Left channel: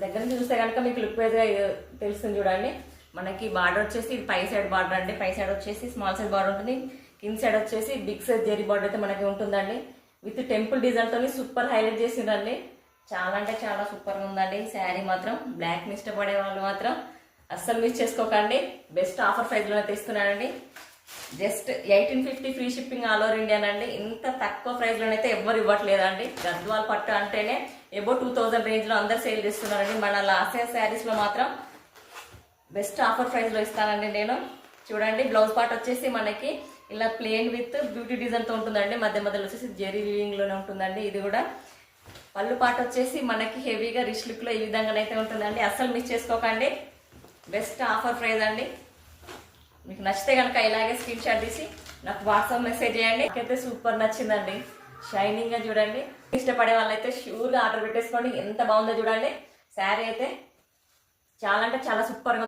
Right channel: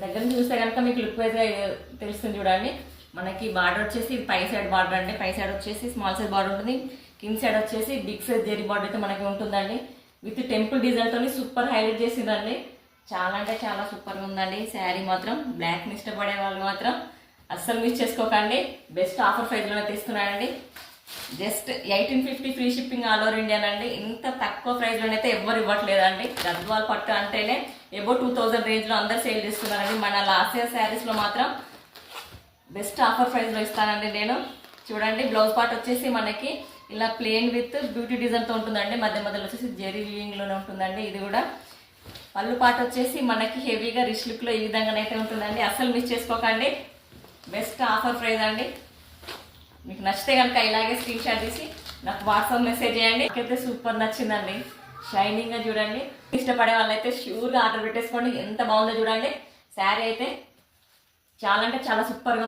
దగ్గర నుంచి చూస్తే కనుక మీకు లుక్ వైజ్గా తెలుస్తుంది చూడండి. మనకి బార్డర్ వచ్చేసి ఇది పై సైడ్ బార్డర్ అండి. పై సైడ్ వచ్చేసి స్మాల్ సైజ్ బార్డర్ ఉంటుంది. కింద సైడ్ వచ్చేసి బిగ్ సైజ్ జెరీ బార్డర్ అయితే మనకి ఉంటుందండి. విత్ టెంపుల్ డిజైన్తో సూపర్ హైలైట్ చేసిందండి. చాలా అంటే చాలా సూపర్గా ఉందండి శారీ మాత్రం. బ్లాక్ని ఇష్టపడే వాళ్ళు మాత్రం అస్సలు మిస్ చేసుకోకండి. బెస్ట్ ఆఫర్ ప్రైస్లో తీసుకున్నానండి. Just 1850 free shipping all over India అండి. ఇంత తక్కువ ప్రైస్లోనైతే ఎవ్వరు ఇవ్వట్లేదండి. గద్వాల్ పట్టు అంటేనే ఎబో 2000 రేంజ్లో అందరు సేల్ చేస్తున్నారండి. మన లాస్ట్ శారీస్లో మాత్రం బెస్ట్ ఆఫర్ ప్రైస్లో ఇస్తానండి నేను. చూడండి బ్లౌజ్ పార్ట్ వచ్చేసి మనకి ఇలా ప్లెయిన్ విత్ బ్యూటీ డిజైన్తో ఉంటుందండి. మధ్య మధ్యలో వచ్చేసి జెరీ వీవింగ్లోనే ఉంటుందండి. ఇది కూడా పళ్ళు పార్ట్ వచ్చేసి మనకి హెవీగా రిచ్ లుక్లో ఈ విధంగానైతే ఉంటుందండి. అస్సలు మిస్ చేసుకోకండి. బెస్ట్ ఆఫర్ ప్రైస్ అండి. మీకు నచ్చితే కనుక ఇలాగే స్క్రీన్ షాట్ తీసి నాకు వాట్సాప్ మెసేజ్ చేయండి. నాకైతే సూపర్ నచ్చిందండి. షైనింగ్గా చూడండి. ఇష్టపడే వాళ్ళైతే ష్యూర్గా ఆర్డర్ పెట్టేసుకోండి. ఎంత బాగుందో చూడండి. శారీ అయితే చాలా అంటే చాలా సూపర్గా